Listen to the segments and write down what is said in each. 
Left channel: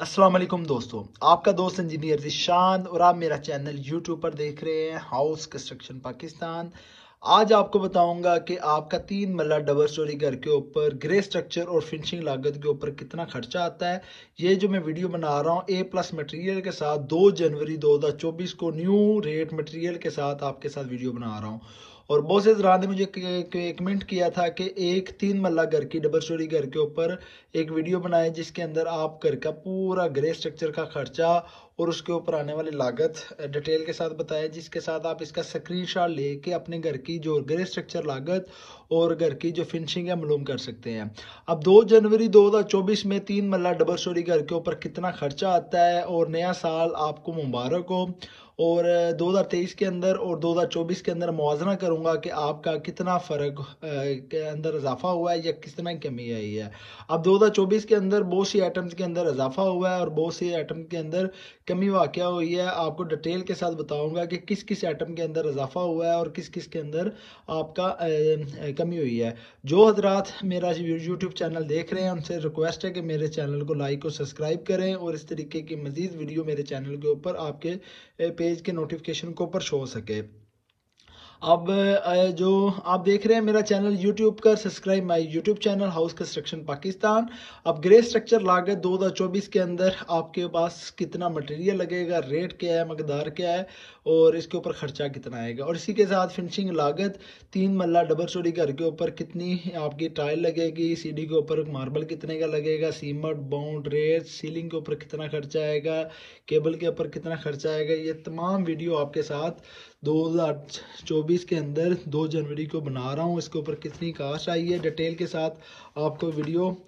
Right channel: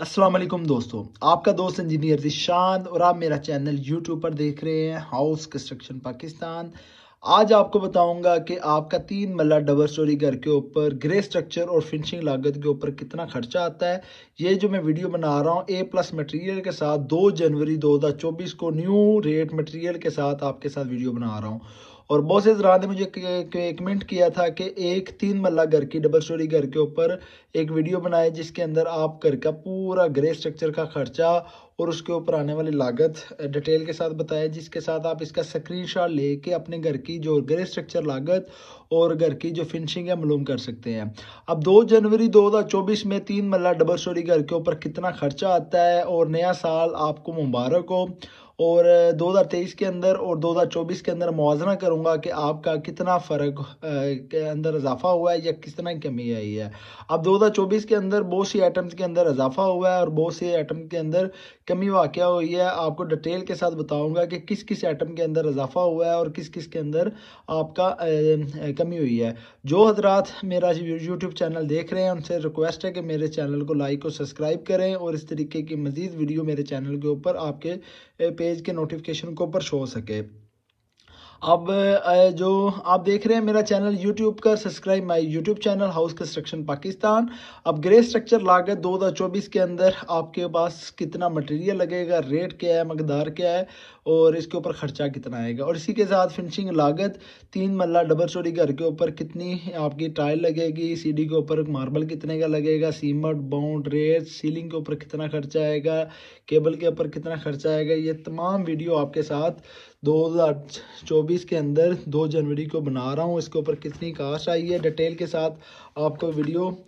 अस्सलाम वालेकुम दोस्तों, आपका दोस्त इंजीनियर जिशान और आप मेरा चैनल यूट्यूब पर देख रहे हैं हाउस कंस्ट्रक्शन पाकिस्तान। आज आपको बताऊंगा कि आपका 3 मरला डबल स्टोरी घर के ऊपर ग्रे स्ट्रक्चर और फिनिशिंग लागत के ऊपर कितना खर्चा आता है। ये जो मैं वीडियो बना रहा हूँ A+ मटेरियल के साथ 2 जनवरी 2024 को न्यू रेट मटेरियल के साथ आपके साथ वीडियो बना रहा हूँ। और बहुत से हजरात ने मुझे कमेंट किया था कि एक 3 मरला घर की डबल स्टोरी घर के ऊपर एक वीडियो बनाया जिसके अंदर आप घर का पूरा ग्रे स्ट्रक्चर का खर्चा और उसके ऊपर आने वाली लागत डिटेल के साथ बताया, जिसके साथ आप इसका स्क्रीनशॉट लेके अपने घर की जो ग्रे स्ट्रक्चर लागत और घर की जो फिनिशिंग है मालूम कर सकते हैं। अब 2 जनवरी 2024 में 3 मरला डबल स्टोरी घर के ऊपर कितना खर्चा आता है और नया साल आपको मुबारक हो। और 2023 के अंदर और 2024 के अंदर मुआवजा करूंगा कि आपका कितना फ़र्क के अंदर इजाफा हुआ है या कितना कमी आई है। अब 2024 के अंदर बहुत सी आइटम्स के अंदर इजाफा हुआ है और बहुत सी आइटम के अंदर कमी वाक़या हुई है। आपको डिटेल के साथ बताऊंगा कि किस किस आइटम के अंदर इजाफा हुआ है और किस किस के अंदर आपका कमी हुई है। जो हजरात मेरा यूट्यूब चैनल देख रहे हैं उनसे रिक्वेस्ट है कि मेरे चैनल को लाइक और सब्सक्राइब करें और इस तरीके की मज़ीद वीडियो मेरे चैनल के ऊपर आपके पेज के नोटिफिकेशन के ऊपर शो हो सके। अब जो आप देख रहे हैं मेरा चैनल यूट्यूब का, subscribe my YouTube channel house construction Pakistan. अब ग्रे स्ट्रक्चर लागत 2024 के अंदर आपके पास कितना मटेरियल लगेगा, रेट क्या है, मकदार क्या है और इसके ऊपर खर्चा कितना आएगा। और इसी के साथ फिनिशिंग लागत 3 मरला डबल स्टोरी घर के ऊपर कितनी आपकी टाइल लगेगी, सीढ़ी के ऊपर मार्बल कितने का लगेगा, सीमेंट बाउंड रेत, सीलिंग के ऊपर कितना खर्चा आएगा, केबल के ऊपर कितना खर्चा आएगा, ये तमाम वीडियो आपके साथ 2024 के अंदर 2 जनवरी को बना रहा हूँ। इसके ऊपर कितनी कास्ट आई है डिटेल के साथ आपको वीडियो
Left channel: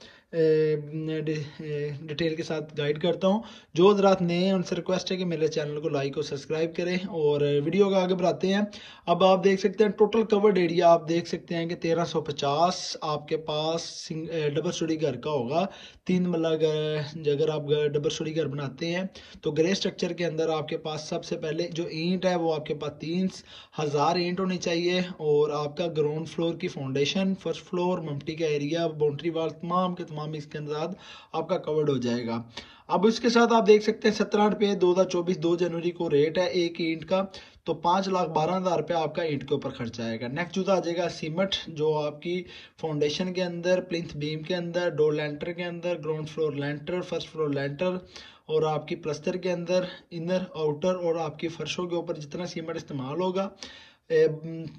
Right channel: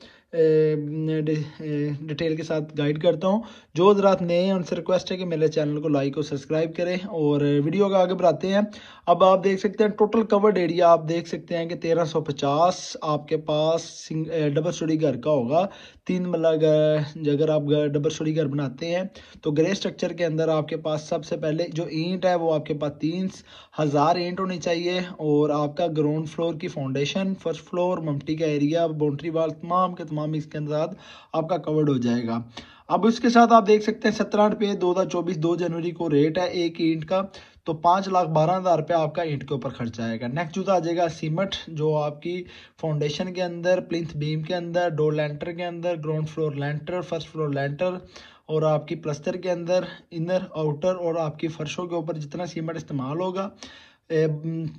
डिटेल के साथ गाइड करता हूँ। जो हजरात नए हैं उनसे रिक्वेस्ट है कि मेरे चैनल को लाइक और सब्सक्राइब करें और वीडियो को आगे बढ़ाते हैं। अब आप देख सकते हैं टोटल कवर्ड एरिया आप देख सकते हैं कि 1350 आपके पास डबल स्टोरी घर का होगा। 3 मरला अगर आप डबल स्टोरी घर बनाते हैं तो ग्रे स्ट्रक्चर के अंदर आपके पास सबसे पहले जो ईंट है वो आपके पास 3000 ईंट होनी चाहिए और आपका ग्राउंड फ्लोर की फाउंडेशन, फर्स्ट फ्लोर, मम्टी का एरिया, बाउंड्री वाल तमाम के तमाम इसके साथ आपका कवर्ड हो जाएगा। अब उसके साथ आप देख सकते हैं 17 रुपये 2024 2 जनवरी को रेट है एक ईंट का, तो 5,12,000 रुपये आपका ईंट के ऊपर खर्चा आएगा। नेक्स्ट जो आ जाएगा सीमेंट, जो आपकी फाउंडेशन के अंदर, प्लिंथ बीम के अंदर, डोर लेंटर के अंदर, ग्राउंड फ्लोर लेंटर, फर्स्ट फ्लोर लेंटर और आपकी प्लस्तर के अंदर, इनर आउटर और आपकी फर्शों के ऊपर जितना सीमेंट इस्तेमाल होगा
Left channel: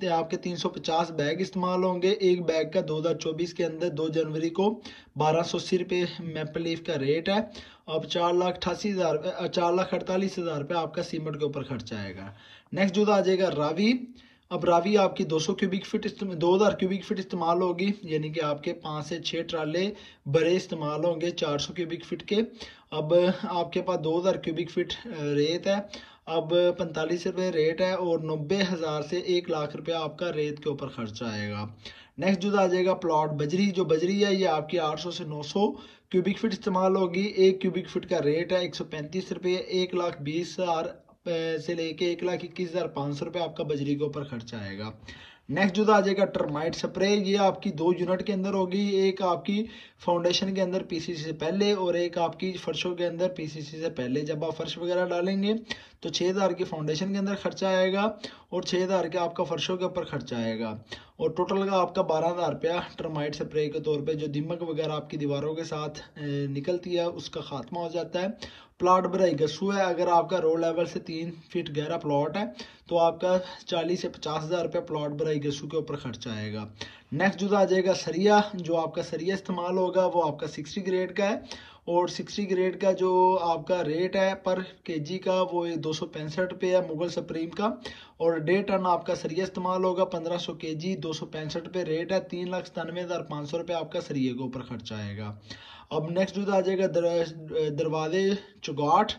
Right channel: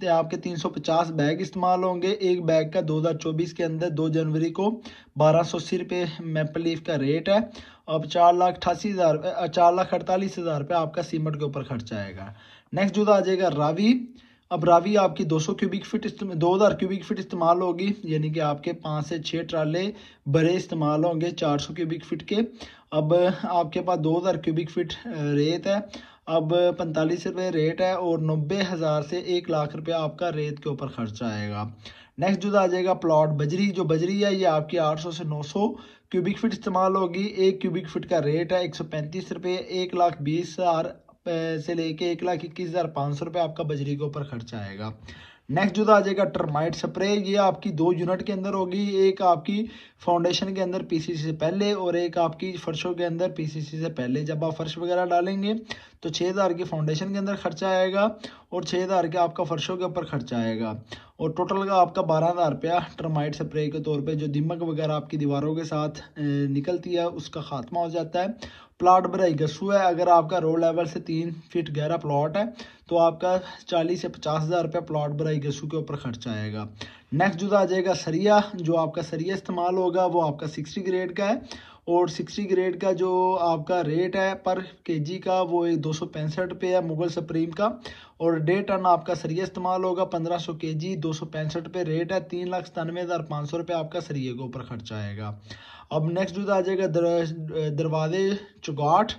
आपके 350 बैग इस्तेमाल होंगे। एक बैग का 2024 के अंदर 2 जनवरी को 1280 रुपये मैपल लीफ का रेट है। अब 4,48,000 रुपये आपका सीमेंट के ऊपर खर्चा आएगा। नेक्स्ट जो आ जाएगा रावी। अब रावी आपकी 200 क्यूबिक फीट 2000 क्यूबिक फीट इस्तेमाल होगी, यानी कि आपके 5 से 6 ट्राले बड़े इस्तेमाल होंगे 400 क्यूबिक फीट के। अब आपके पास 2000 क्यूबिक फीट रेत है। अब 45 रुपये रेट है और 90,000 से 1 लाख रुपया आपका रेत के ऊपर खर्चा आएगा। नेक्स्ट जो आ जाएगा प्लॉट बजरी। जो बजरी है ये आपकी 800 से 900 क्यूबिक फीट इस्तेमाल होगी। 1 क्यूबिक फीट का रेट है 135 रुपये। 1,20,000 से लेके 1,21,500 रुपये आपका बजरी के ऊपर खर्चा आएगा। नेक्स्ट जो आ जाएगा टर्माइट स्प्रे। ये आपकी 2 यूनिट के अंदर होगी, एक आपकी फाउंडेशन के अंदर पीसीसी से पहले और एक आपकी फर्शों के अंदर पीसीसी से पहले। जब आप फर्श वगैरह डालेंगे तो 6,000 की फाउंडेशन के अंदर खर्चा आएगा और 6,000 का आपका फर्शों के ऊपर खर्चा आएगा और टोटल का आपका 12,000 रुपया टर्माइट स्प्रे के तौर पे जो दीमक वगैरह आपकी दीवारों के साथ निकलती है उसका खात्मा हो जाता है। प्लाट बराई गसू है। अगर आपका रोड लेवल से 3 फीट गहरा प्लॉट है तो आपका 40 से 50,000 रुपया प्लॉट बराई गसू के ऊपर खर्चा आएगा। नेक्स्ट जो आ जाएगा सरिया। जो आपका सरिया इस्तेमाल होगा वो आपका 60 ग्रेड का है और 60 ग्रेड का जो आपका रेट है पर केजी का वो 265 रुपये है मुगल सुप्रीम का। और 1.5 टन आपका सरिया इस्तेमाल होगा 1500 केजी, 265 रुपये रेट है। 3,97,500 रुपये आपका सरिये के ऊपर खर्चा आएगा। अब नेक्स्ट जो आ जाएगा दरवाजे चुगाट।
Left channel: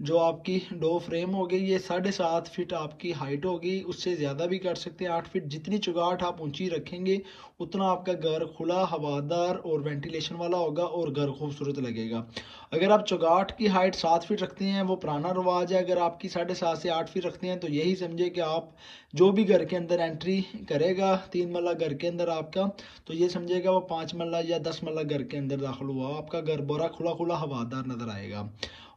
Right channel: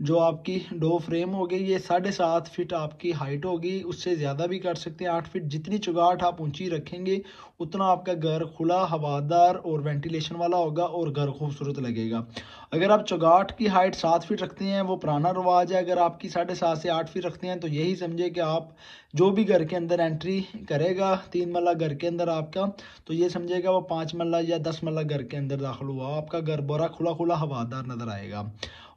जो आपकी डो फ्रेम होगी ये 7.5 फीट आपकी हाइट होगी, उससे ज़्यादा भी कर सकते हैं 8 फीट। जितनी चुगाट आप ऊंची रखेंगे उतना आपका घर खुला, हवादार और वेंटिलेशन वाला होगा और घर खूबसूरत लगेगा। अगर आप चुगाट की हाइट 7 फीट रखते हैं वो पुराना रिवाज है, अगर आपकी 7.5 से 8 फीट रखते हैं तो यही समझे कि आप जो भी घर के अंदर एंट्री करेगा 3 मरला घर के अंदर आपका, तो ये समझेगा वो 5 मरला या 10 मरला घर के अंदर दाखिल हुआ, आपका घर बड़ा खुला खुला हवादार नजर आएगा।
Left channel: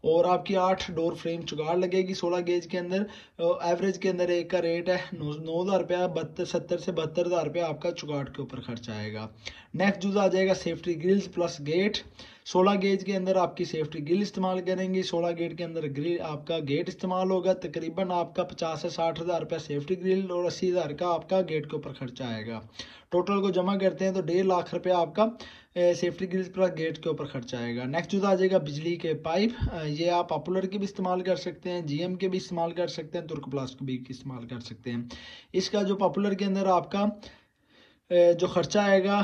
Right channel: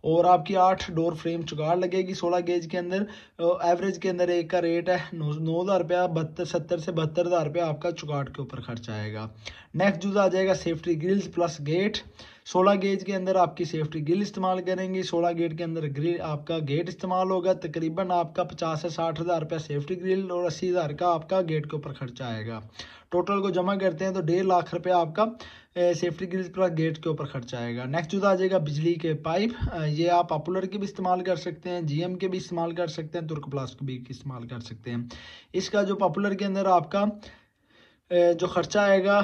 और आपकी 8 डोर फ्रेम चुगाड़ लगेगी 16 गेज के अंदर। एवरेज के अंदर एक का रेट है 9,000 रुपया, 70 से 72,000 रुपया आपका चुगाड़ के ऊपर खर्च आएगा। नेक्स्ट यूज आ जाएगा safety grills plus gate. 16 gauge के अंदर आपकी सेफ्टी ग्रिल इस्तेमाल करेंगे, 16 गेट के अंदर ग्रिल आपका गेट इस्तेमाल होगा। तकरीबन आपका 50 से 60,000 रुपया सेफ्टी ग्रिल और 80,000 का आपका गेट के ऊपर खर्चा आएगा। टोटल को जमा करते हैं तो 1.5 लाख रुपया आपका सेफ्टी ग्रिल्स प्लस गेट के ऊपर खर्चा आएगा। नेक्स्ट जो आ जाएगा बिजली के पाइप। ये आप पॉपुलर के भी इस्तेमाल कर सकते हैं, जीएम के भी इस्तेमाल कर सकते हैं, तुर्क प्लास्ट के भी इस्तेमाल कर सकते हैं। इसका जो पॉपुलर के अंदर आपका जो खर्चा आएगा,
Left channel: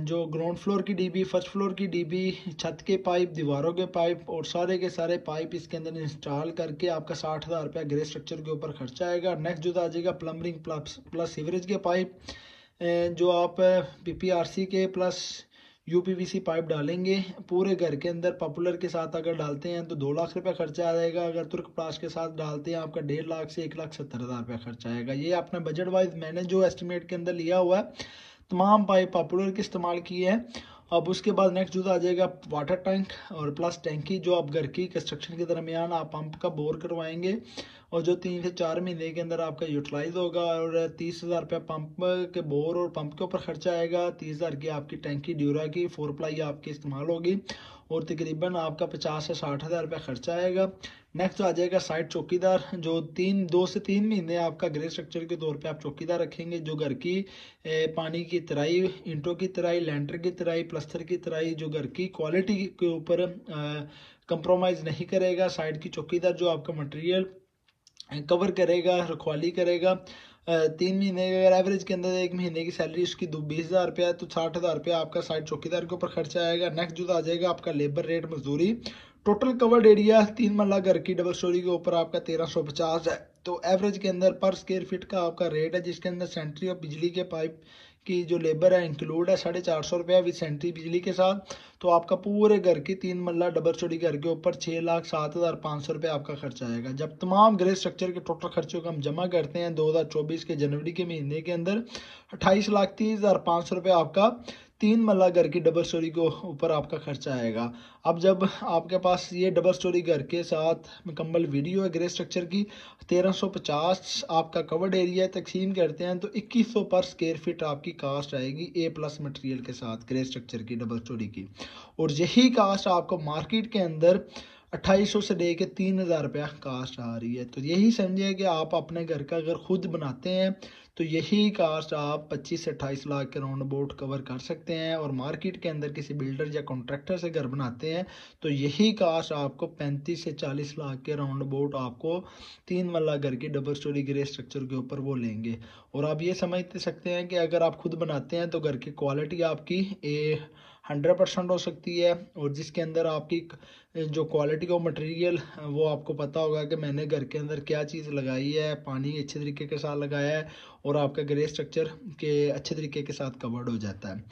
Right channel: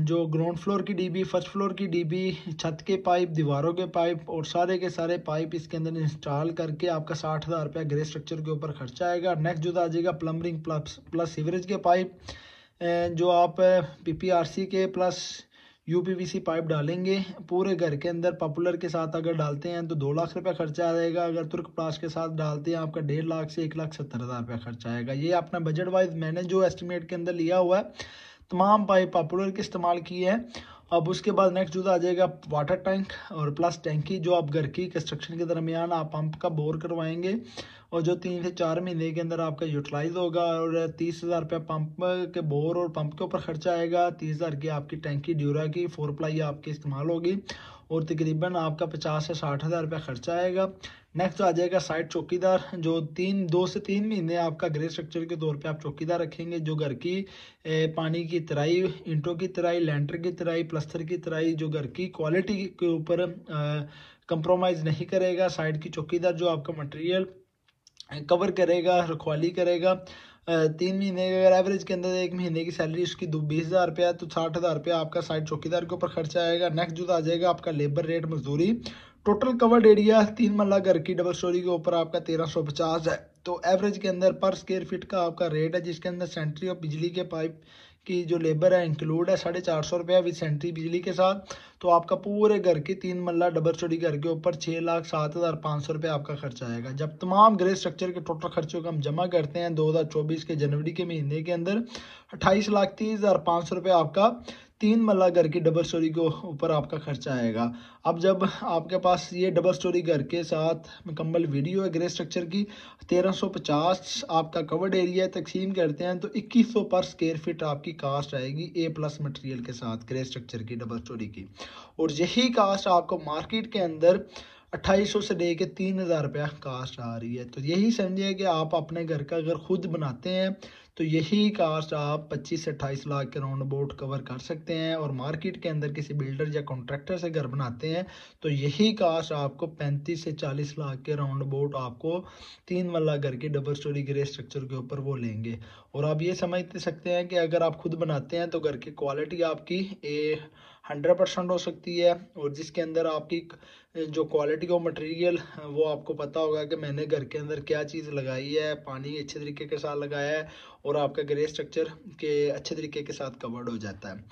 जो ग्राउंड फ्लोर की डीबी, फर्स्ट फ्लोर की डीबी, छत के पाइप, दीवारों के पाइप और सारे के सारे पाइप इसके अंदर इंस्टॉल करके आपका 60,000 रुपया ग्रे स्ट्रक्चर के ऊपर खर्चा आएगा। नेक्स्ट जो आ जाएगा प्लम्बिंग प्लस सीवरेज के पाइप, जो आप पीपीआरसी के प्लस यूपीवीसी पाइप डालेंगे पूरे घर के अंदर। पॉपुलर के साथ अगर डालते हैं तो 2 लाख रुपया खर्चा आ जाएगा, अगर तुर्क प्लास के साथ डालते हैं आपका 1.5 लाख से 1,70,000 रुपया खर्चा आएगा। ये अपना बजट वाइज मैंने जो एस्टिमेट के अंदर लिया हुआ है, तमाम पाइप पॉपुलर के इस्तेमाल किए हैं। अब उसके बाद नेक्स्ट जो आ जाएगा वाटर टैंक और प्लस टैंकी, जो आप घर की कंस्ट्रक्शन के दरमियान आप पंप का बोर करवाएंगे और जो 3 से 4 महीने के अंदर आपका यूटिलाइज होगा। और 30,000 रुपया पंप के बोर और पंप के ऊपर खर्चा आएगा। 30,000 की आपकी टैंकी ड्यूरा की 4 प्लाई आपकी इस्तेमाल होगी और तकरीबन आपका 50 से 60,000 रुपया खर्चा आएगा। नेक्स्ट आ जाएगा साइड चौकीदार, जो 2 से 3 महीने आपका ग्रे स्ट्रक्चर के तौर पे आप चौकीदार रखेंगे, जो घर की पानी की तराई, इंटों की तराई, लेंटर की तराई, प्लस्तर की तराई, जो घर की क्वालिटी के ऊपर कंप्रोमाइज़ नहीं करेगा। साइड की चौकीदार जो आपका मटेरियल कवर करेगा, रखवाली करेगा। 3 महीने अगर एवरेज के अंदर 1 महीने की सैलरी उसकी 20,000 रुपया है तो 60,000 रुपया आपका साइड चौकीदार के ऊपर खर्चा आएगा। नेक्स्ट जो आ जाएगा आपका लेबर रेट, मजदूरी। टोटल कवर्ड एरिया 3 मरला घर की डबल स्टोरी के ऊपर आपका 1350 है। तो एवरेज के अंदर पर स्क्वायर फीट का आपका रेट है, जिसके अंदर सेंट्री और बिजली के पाइप की जो लेबर है इंक्लूड है 450 रुपया विद सेंट्री बिजली के साथ। तो आपका पूरे घर की 3 मरला डबल स्टोरी घर के ऊपर 6,07,500 रुपया आपका खर्चा आएगा। जब तमाम ग्रे स्ट्रक्चर के टोटल खर्चों को हम जमा करते हैं 2024 के जनवरी के महीने के अंदर 28,30,500 रुपया आपका 3 मरला घर की डबल स्टोरी के ऊपर आपका खर्चा आएगा। अब जब आपके पास ये डबल स्टोरी घर के साथ मुकम्मल वीडियो है ग्रे स्ट्रक्चर की, 1350 आपका कवर्ड एरिया तकसीम करते हैं तो 2100 पर स्क्वायर फीट आपकी कास्ट आएगी ए प्लस मटेरियल के साथ ग्रे स्ट्रक्चर की डबल स्टोरी की। और यही कास्ट आपको मार्केट के अंदर 2800 से लेके 3,000 रुपया कास्ट आ रही है। तो यही समझिए कि आप अपने घर का अगर खुद बनाते हैं तो यही कास्ट आप 25 से 28 लाख के राउंड अबाउट कवर कर सकते हैं। और मार्केट के अंदर किसी बिल्डर या कॉन्ट्रैक्टर से घर बनाते हैं तो यही कास्ट आपको 35 से 40 लाख के राउंड अबाउट आपको 3 मरला घर की डबल स्टोरी ग्रे स्ट्रक्चर के ऊपर वो लेंगे। और आप ये समझ सकते हैं कि अगर आप खुद बनाते हैं तो घर की क्वालिटी आपकी 100% हो सकती है। और जिसके अंदर आपकी जो क्वालिटी का मटेरियल वो आपको पता होगा कि मैंने घर के अंदर क्या चीज़ लगाई है, पानी अच्छे तरीके के साथ लगाया है और आपका ग्रे स्ट्रक्चर के अच्छे तरीके के साथ कवर्ड हो जाता है।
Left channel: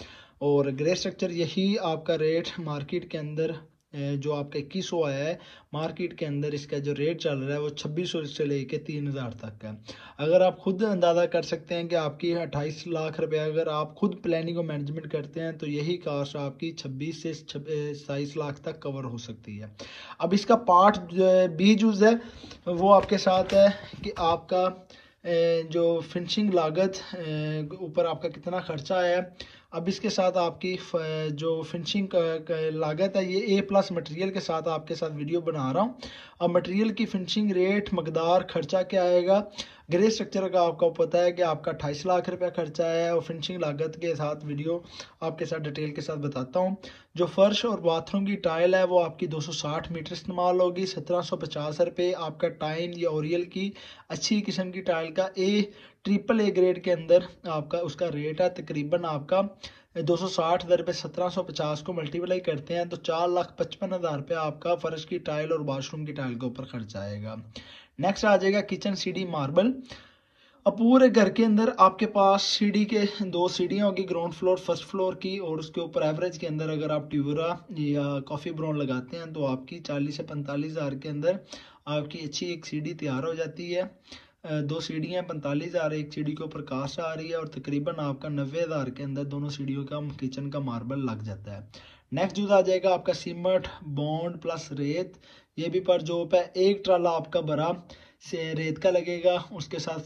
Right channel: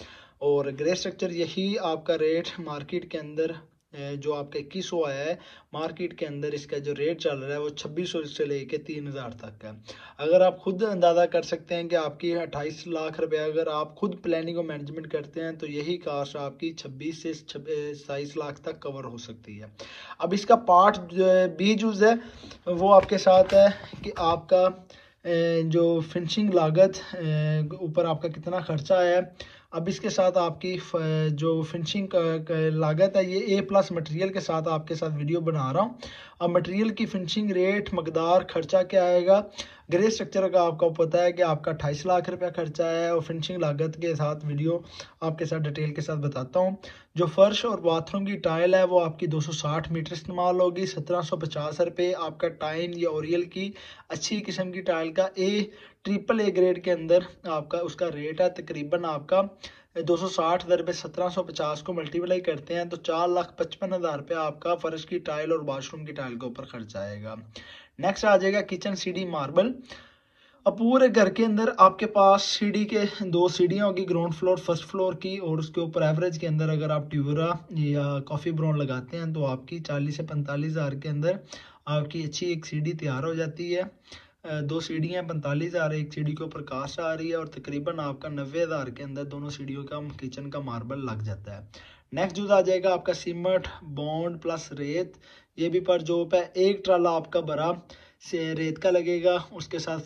और ग्रे स्ट्रक्चर यही आपका रेट मार्केट के अंदर जो आपका 2100 आया है, मार्केट के अंदर इसका जो रेट चल रहा है वो 2600 से लेके 3,000 तक है। अगर आप खुद अंदाज़ा कर सकते हैं कि आपकी 28 लाख रुपया अगर आप खुद प्लानिंग और मैनेजमेंट करते हैं तो यही कास्ट आपकी 26 से 27 लाख तक कवर हो सकती है। अब इसका पार्ट बी यूज़ है वो आपके साथ है कि आपका जो फिनिशिंग लागत ऊपर आपका कितना खर्चा आया है। अब इसके साथ आपकी जो फिनिशिंग लागत है ये ए प्लस मटेरियल के साथ आपके साथ वीडियो बना रहा हूँ। अब मटेरियल की फिनिशिंग रेट, मकदार, खर्चा क्या आएगा। ग्रे स्ट्रक्चर का आपको पता है कि आपका 28 लाख रुपया खर्चा है और फिनिशिंग लागत के साथ वीडियो आपके साथ डिटेल के साथ बताता हूँ। जो फर्श और बाथरूम की टाइल है वो आपकी 260 मीटर इस्तेमाल होगी। 1750 रुपये आपका टाइम या ओरियल की अच्छी किस्म की टाइल का ट्रिपल ए ग्रेड के अंदर आपका उसका रेट है। तकरीबन आपका 260 दर पे 1750 को मल्टीप्लाई करते हैं तो 4,55,000 रुपये आपका फर्श की टाइल और वॉशरूम की टाइल के ऊपर खर्चा आएगा। नेक्स्ट आ जाएगा किचन सीढ़ी मार्बल। अब पूरे घर के अंदर आपके पास सीढ़ी के 2 सीढ़ियाँ होगी, ग्राउंड फ्लोर फर्स्ट फ्लोर की, और उसके ऊपर एवरेज के अंदर अगर आप ट्यूरा या कॉफ़ी ब्राउन लगाते हैं तो आपकी 40 से 45 हज़ार के अंदर आपकी अच्छी एक सीढ़ी तैयार हो जाती है। 2 सीढ़ियाँ 45 हज़ार, एक सीढ़ी के ऊपर कास्ट आ रही है, और तकरीबन आपका 90 हज़ार के अंदर दोनों सीढ़ियों का किचन का मार्बल लग जाता है। नेक्स्ट जो आ जाएगा आपका सीमेंट बॉन्ड प्लस रेत, ये भी पर जॉब है। एक ट्राला आपका भरा से रेत का लगेगा, उसके साथ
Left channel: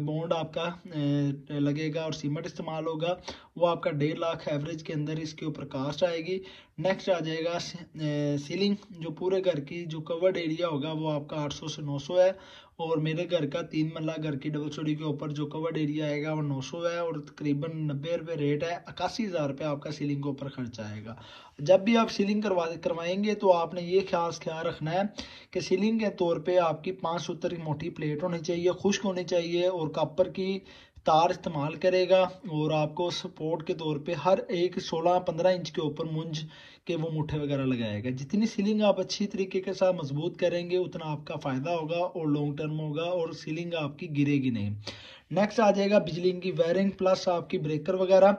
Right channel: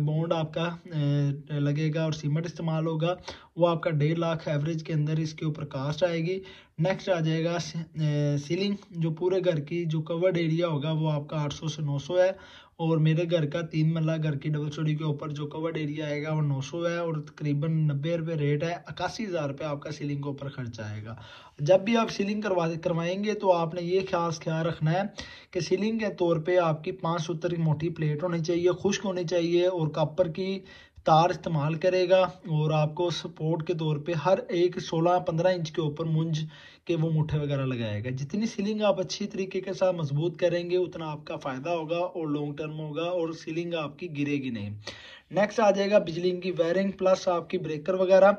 बॉन्ड आपका लगेगा और सीमेंट इस्तेमाल होगा, वो आपका 1.5 लाख एवरेज के अंदर इसके ऊपर कास्ट आएगी। नेक्स्ट आ जाएगा सीलिंग, जो पूरे घर की जो कवर्ड एरिया होगा वो आपका 800 से 900 है, और मेरे घर का 3 मरला घर की डबल स्टोरी के ऊपर जो कवर्ड एरिया आएगा वो 900 है, और तकरीबन 90 रुपये रेट है। 81 हज़ार रुपये आपका सीलिंग के ऊपर खर्चा आएगा। जब भी आप सीलिंग करवाएंगे तो आपने ये ख्याल रखना है कि सीलिंग के तौर पे आपकी 5 सूत्र की मोटी प्लेट होनी चाहिए, खुश्क होनी चाहिए, और कॉपर की तार इस्तेमाल करेगा, और आपको सपोर्ट के तौर पे हर एक 16-15 इंच के ऊपर मुंज के वो मुठ्ठे वगैरह लगाएगा। जितनी सीलिंग आप अच्छी तरीके के साथ मजबूत करेंगे उतना आपका फ़ायदा होगा और लॉन्ग टर्म होगा, और सीलिंग आपकी गिरेगी नहीं। नेक्स्ट आ जाएगा बिजली की वायरिंग प्लस आपकी ब्रेकर वगैरह।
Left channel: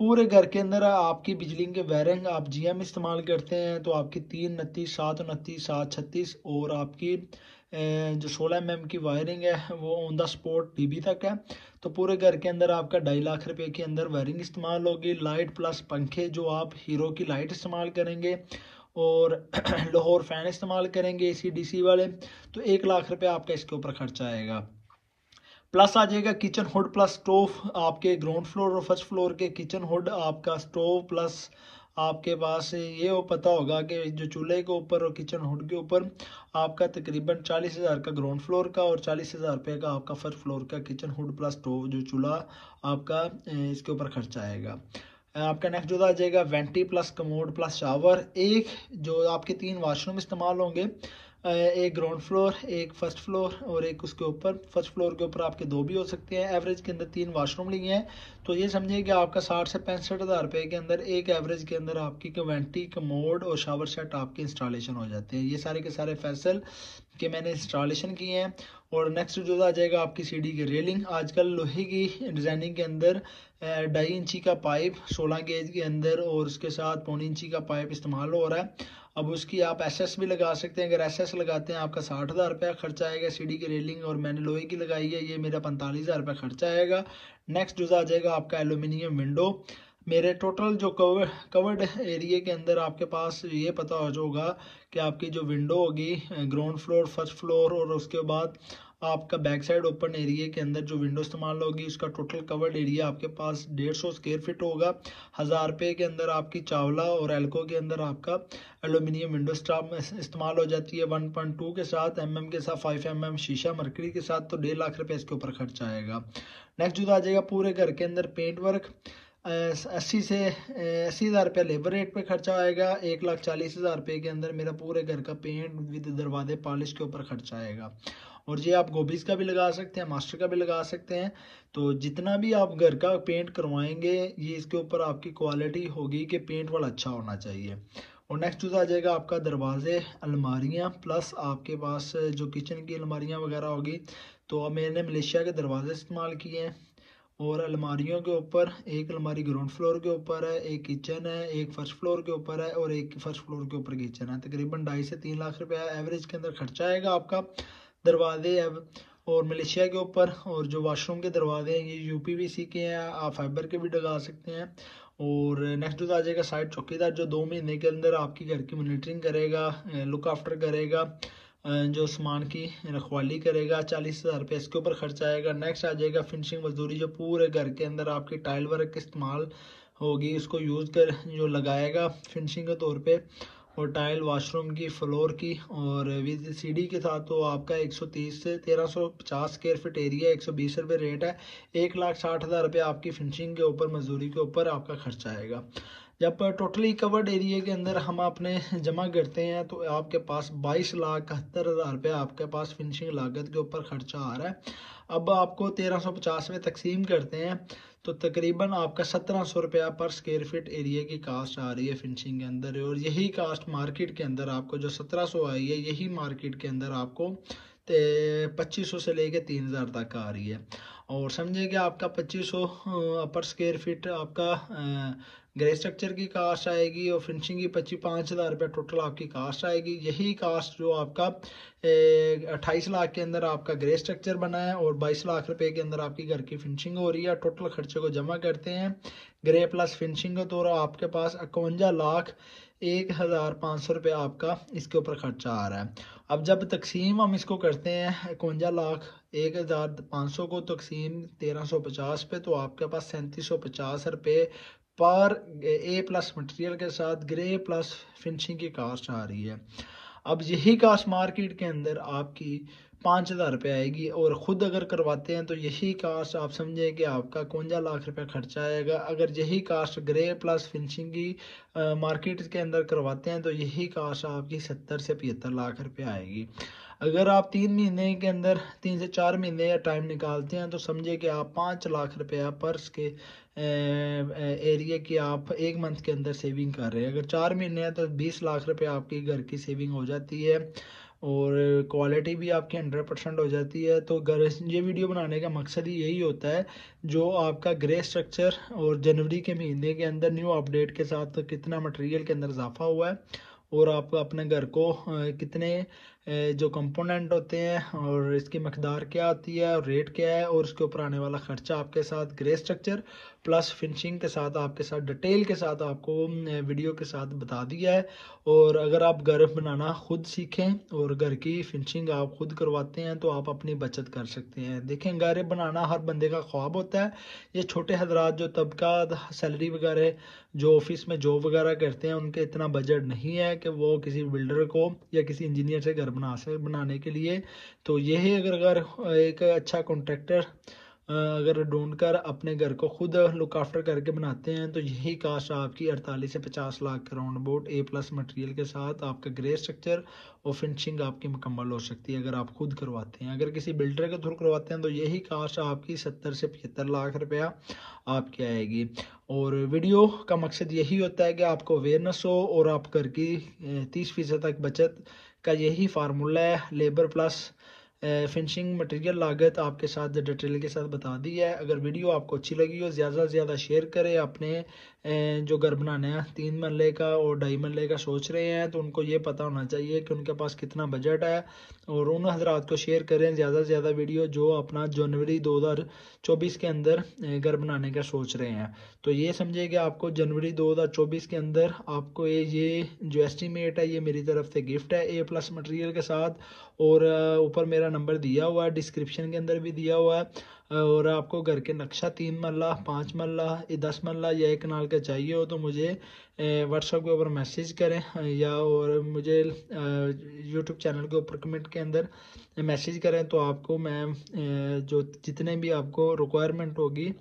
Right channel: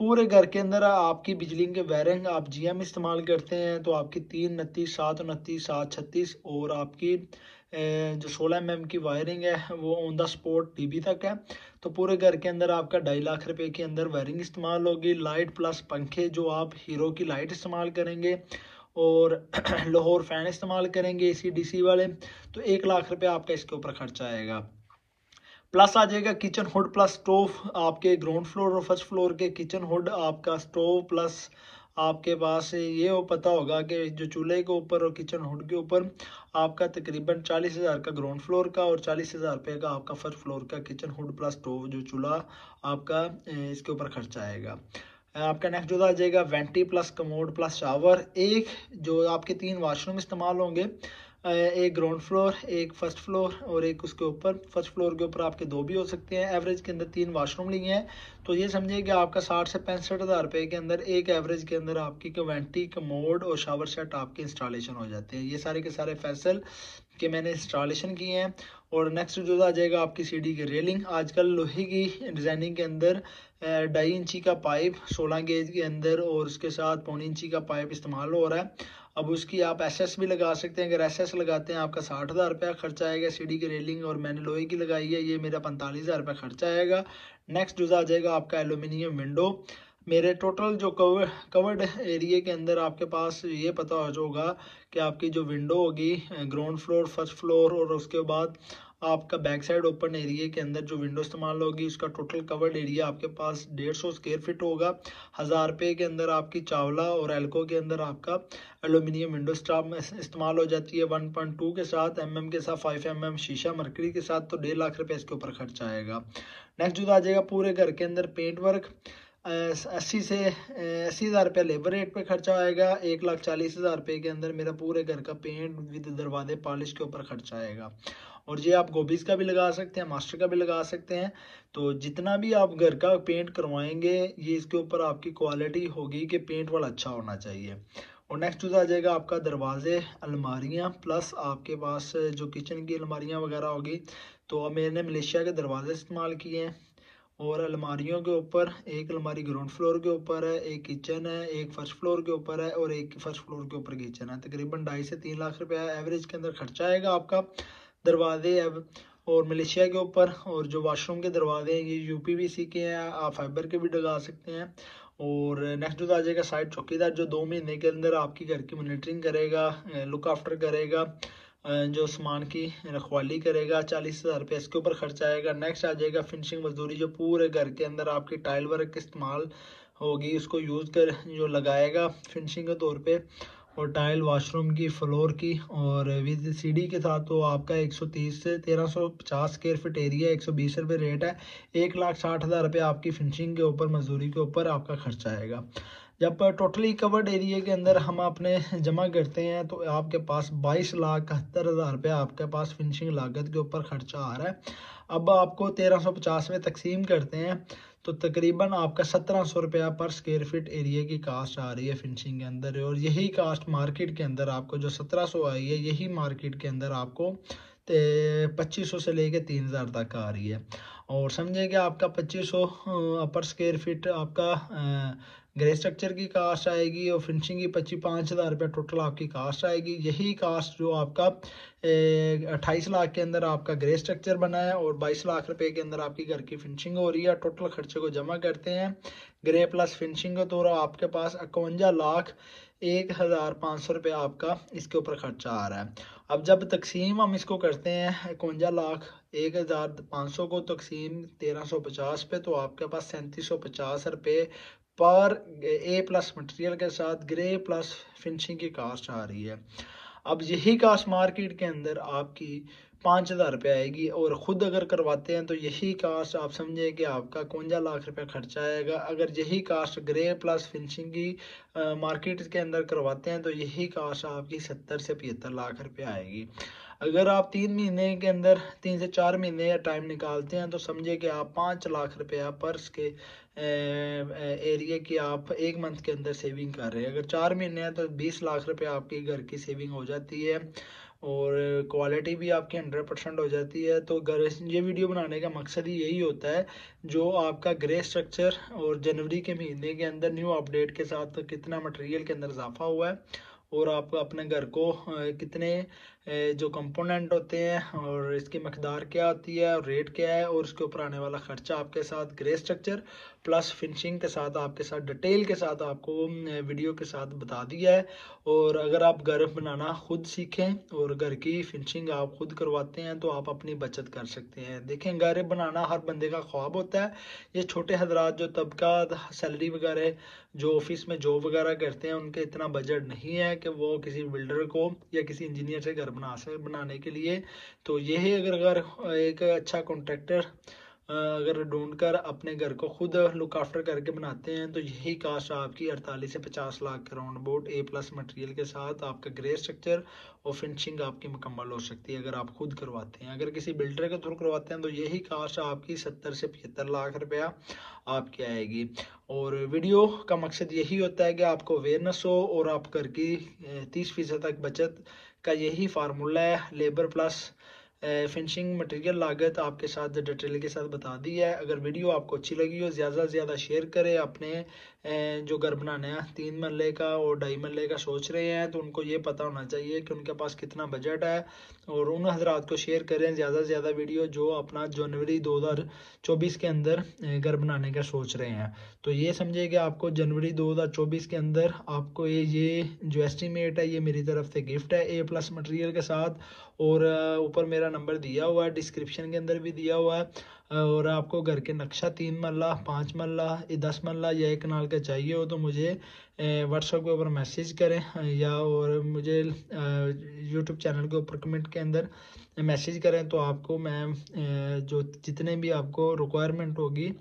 पूरे घर के अंदर आपकी बिजली के वायरिंग आप जीएम इस्तेमाल करते हैं तो आपकी 3 29 7 29 7 36, और आपकी जो 16 mm की वायरिंग है वो ऑन द स्पॉट डीबी तक है। तो पूरे घर के अंदर आपका 2.5 लाख रुपए के अंदर वायरिंग इस्तेमाल होगी। लाइट प्लस पंखे जो आप हीरो की लाइट इस्तेमाल करेंगे, और लाहौर फैन इस्तेमाल करेंगे एसी डीसी वाले, तो 1 लाख रुपए आपका इसके ऊपर खर्चा आएगा। प्लस आ जाएगा किचन हुड प्लस स्टोव। आपके ग्राउंड फ्लोर और फर्स्ट फ्लोर के किचन हुड आपका स्टोव प्लस आपके पास ये हो पता होगा कि जो चूल्हे के ऊपर और किचन हुड के ऊपर आपका तकरीबन 40 हज़ार का ग्राउंड फ्लोर का और 40 हज़ार रुपये का आपका फर्स्ट फ्लोर का किचन हुड प्लस स्टोव जो चूल्हा आपका इसके ऊपर खर्चा आएगा। आपका नेक्स्ट जो आ जाएगा vanity plus commode plus shower. एक जो आपके 3 वाशरूम इस्तेमाल होंगे, एक ग्राउंड फ्लोर, एक फर्स्ट फ्लोर, और एक उसके ऊपर फर्स्ट फ्लोर के ऊपर आपके 2 भी हो सकते हैं। एवरेज के अंदर 3 वाशरूम लिए हैं, तो ये समझिए कि आपका 60 से 65 हज़ार रुपये के अंदर एक एवरेज के अंदर आपकी वेंटी कमोड और शावर सेट आपके इंस्टॉलेशन हो जाते हैं। ये सारे के सारे फैसल के मैंने इंस्टॉलेशन किए हैं। और नेक्स्ट जो आ जाएगा आपकी सीढ़ी की रेलिंग। आजकल लोहे की डिज़ाइनिंग के अंदर 2.5 इंची का पाइप 16 गेज के अंदर और उसके साथ 1.25 इंची का पाइप इस्तेमाल हो रहा है। अब उसकी आप एसएस भी लगा सकते हैं। अगर एसएस लगाते हैं आपका 60 हज़ार रुपया खर्चा आएगा सीढ़ी की रेलिंग, और मैंने लोहे की लगाई है, ये मेरा 45 हज़ार रुपया खर्चा आएगा। नेक्स्ट जो आ जाएगा आपका एल्यूमिनियम विंडो। मेरे टोटल जो कवर्ड एरिया के अंदर आपके पास ये पता होगा कि आपकी जो विंडो होगी ग्राउंड फ्लोर फर्स्ट फ्लोर और उसके बाद आपका बैक साइड ओपन एरिया के अंदर जो विंडो इस्तेमाल होगी उसका टोटल कवर्ड एरिया आपके पास 150 स्क्वायर फीट होगा। 1000 रुपये के अंदर आपकी चावला और एल्को के अंदर आपका एल्यूमिनियम विंडो इस्तेमाल हो जाती है 1.2 के साथ, mm के साथ 5 mm शीशा मरकरी के साथ, तो 1.5 लाख रुपये इसके ऊपर खर्चा आएगा। नेक्स्ट जो आ जाएगा पूरे घर के अंदर पेंट वर्क 80 हज़ार रुपया लेबर रेट पे खर्चा आएगा। 1,40,000 रुपये के अंदर मेरा पूरे घर का पेंट विद दरवाजे पॉलिश के ऊपर खर्चा आएगा। और ये आप गोबीज का भी लगा सकते हैं, मास्टर का भी लगा सकते हैं। तो जितना भी आप घर का पेंट करवाएंगे ये इसके ऊपर आपकी क्वालिटी होगी कि पेंट वाला अच्छा होना चाहिए। और नेक्स्ट आ जाएगा आपका दरवाजे अलमारियाँ प्लस आपके पास जो किचन की अलमारियाँ वगैरह होगी, तो मैंने मलेशिया के दरवाजे इस्तेमाल किए हैं। और अलमारियों के ऊपर एक अलमारी ग्राउंड फ्लोर के ऊपर है, एक किचन है, एक फर्स्ट फ्लोर के ऊपर है और एक फर्स्ट फ्लोर के ऊपर किचन है। तकरीबन 2.5 से 3 लाख रुपया एवरेज के अंदर खर्चा आएगा आपका दरवाजे अब। और मलेशिया के ऊपर और जो वाशरूम के दरवाजे हैं ये यूपीवीसी के हैं, आप फाइबर के भी लगा सकते हैं। और नेक्स्ट आ जाएगा साइड चौकीदार जो 2 महीने के अंदर आपकी घर की मॉनिटरिंग करेगा, लुक आफ्टर करेगा, जो सामान की रखवाली करेगा। 40 हज़ार रुपये इसके ऊपर खर्चा आएगा। नेक्स्ट आ जाएगा फिनिशिंग मजदूरी जो पूरे घर के अंदर आपकी टाइल वर्क इस्तेमाल होगी उसको यूज़ कर जो लगाएगा फिनिशिंग के तौर पे, और टाइल वॉशरूम की फ्लोर की और विद सीढ़ी के साथ, तो आपका 130 से 1350 स्क्वायर फीट एरिया 120 रुपये रेट है। 1,60,000 रुपये आपकी फिनिशिंग के ऊपर मजदूरी के ऊपर आपका खर्चा आएगा। जब टोटली कवर्ड एरिया के अंदर हम अपने जमा करते हैं तो आपके पास 22,71,000 रुपये आपके पास फिनिशिंग लागत के ऊपर खर्चा आ रहा है। अब आपको 1350 में तकसीम करते हैं तो तकरीबन आपका 1700 रुपया पर स्क्वायर फीट एरिया की कास्ट आ रही है फिनिशिंग के अंदर। और यही कास्ट मार्केट के अंदर आपको जो 1700 आई है, यही मार्केट के अंदर आपको 2500 से लेके 3000 तक आ रही है। और समझे कि आपका 2500 पर स्क्वायर फीट आपका ग्रे स्ट्रक्चर की कास्ट आएगी और फिनिशिंग की 5,000 रुपये टोटल आपकी कास्ट आएगी। यही कास्ट जो आपका 28 लाख के अंदर आपका ग्रे स्ट्रक्चर बना है और 22 लाख रुपए के अंदर आपकी घर की फिनिशिंग हो रही है। टोटल खर्चे को जमा करते हैं ग्रे प्लस फिनिशिंग को, तो आपके पास 51,01,500 रुपये आपका इसके ऊपर खर्चा आ रहा है। अब जब तकसीम हम इसको करते हैं 51,01,500 को तकसीम 1350 पे, तो आपके पास 3750 रुपये पर ए प्लस मटेरियल के साथ ग्रे प्लस फिनिशिंग की कास्ट आ रही है। अब यही कास्ट मार्केट के अंदर आपकी 5,000 रुपये आएगी और ख़ुद अगर करवाते हैं तो यही कास्ट आप समझे कि आपका 51 लाख रुपये खर्चा आएगा। अगर यही कास्ट ग्रे प्लस फिनिशिंग की मार्केट के अंदर करवाते हैं तो यही कास्ट आपकी 70 से 75 लाख रुपये आएगी। अगर आप 3 महीने के अंदर 3 से 4 महीने या टाइम निकालते हैं तो समझे कि आप 5 लाख रुपया पर्स के एरिया की आप एक मंथ के अंदर सेविंग कर रहे हैं। अगर 4 महीने हैं तो 20 लाख रुपए आपकी घर की सेविंग हो जाती है और क्वालिटी भी आपकी 100% हो जाती है। तो ये वीडियो बनाने का मकसद ही यही होता है, जो आपका ग्रे स्ट्रक्चर और जनवरी के महीने के अंदर न्यू अपडेट के साथ कितना मटेरियल के अंदर इजाफा हुआ है और आप अपने घर को कितने जो कंपोनेंट होते हैं और इसकी मकदार क्या आती है और रेट क्या है और उसके ऊपर आने वाला खर्चा आपके साथ ग्रे स्ट्रक्चर प्लस फिनिशिंग के साथ आपके साथ डिटेल के साथ आपको वीडियो के साथ बता दिया है। और अगर आप घर बनाना खुद सीखें और घर की फिनिशिंग आप खुद करवाते हैं तो आप अपनी बचत कर सकते हैं। देखें, घर बनाना हर बंदे का ख्वाब होता है। ये छोटे हजरात जो तबका सैलरी वगैरह जो ऑफिस में जॉब वगैरह करते हैं उनके इतना बजट नहीं है कि वो किसी बिल्डर को या किसी इंजीनियर से घर बनाने के लिए। तो यही अगर एक अच्छा कॉन्ट्रैक्टर अगर ढूंढकर अपने घर को खुद लुक आफ्टर करके बनाते हैं तो यही कास्ट आपकी 48 से 50 लाख के round about A plus material के साथ आपका ग्रे स्ट्रक्चर और फिनिशिंग आपकी मुकम्मल हो सकती है अगर आप खुद करवाते हैं। अगर किसी बिल्डर के थ्रू करवाते हैं तो यही कास्ट आपकी 70 से 75 लाख रुपया आपकी आएगी। और वीडियो का मकसद यही होता है कि आपको अवेयरनेस हो और आप घर की 30% तक बचत का यही फार्मूला है। लेबर प्लस फिनिशिंग मटेरियल लागत आपके साथ डिटेल के साथ बता दी है। अगर वीडियो आपको अच्छी लगी हो ज़्यादा से ज़्यादा शेयर करें। अपने जो घर बनाना है 3 मरले का और 2.5 मरले का सोच रहे हैं तो उनको ये पता होना चाहिए कि उनके पास कितना बजट है और उन हजरात को शेयर करें ज़्यादा से ज़्यादा वीडियो जो अपना जनवरी 2024 के अंदर घर बनाने का सोच रहे हैं। तो ये समझे कि आपको जनवरी 2024 के अंदर आपको ये जो एस्टीमेट है ये मेरी तरफ से गिफ्ट है ए प्लस मटेरियल के साथ। और ऊपर मेरा नंबर दिया हुआ है, डिस्क्रिप्शन के अंदर भी दिया हुआ है। और आपको घर के नक्शा 3 मरला 5 मरला 10 मरला या 1 कनाल का चाहिए हो तो मुझे व्हाट्सएप के ऊपर मैसेज करें या और मुझे यूट्यूब चैनल के ऊपर कमेंट के अंदर मैसेज करें तो आपको मैं जो जितने भी आपको रिक्वायरमेंट होगी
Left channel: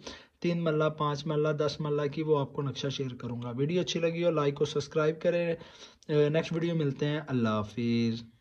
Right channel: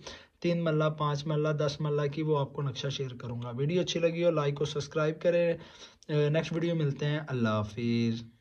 3 मरला 5 मरला 10 मरला की वो आपको नक्शा शेयर करूँगा। वीडियो अच्छी लगी हो लाइक और सब्सक्राइब करें। नेक्स्ट वीडियो मिलते हैं। अल्लाह हाफिज़।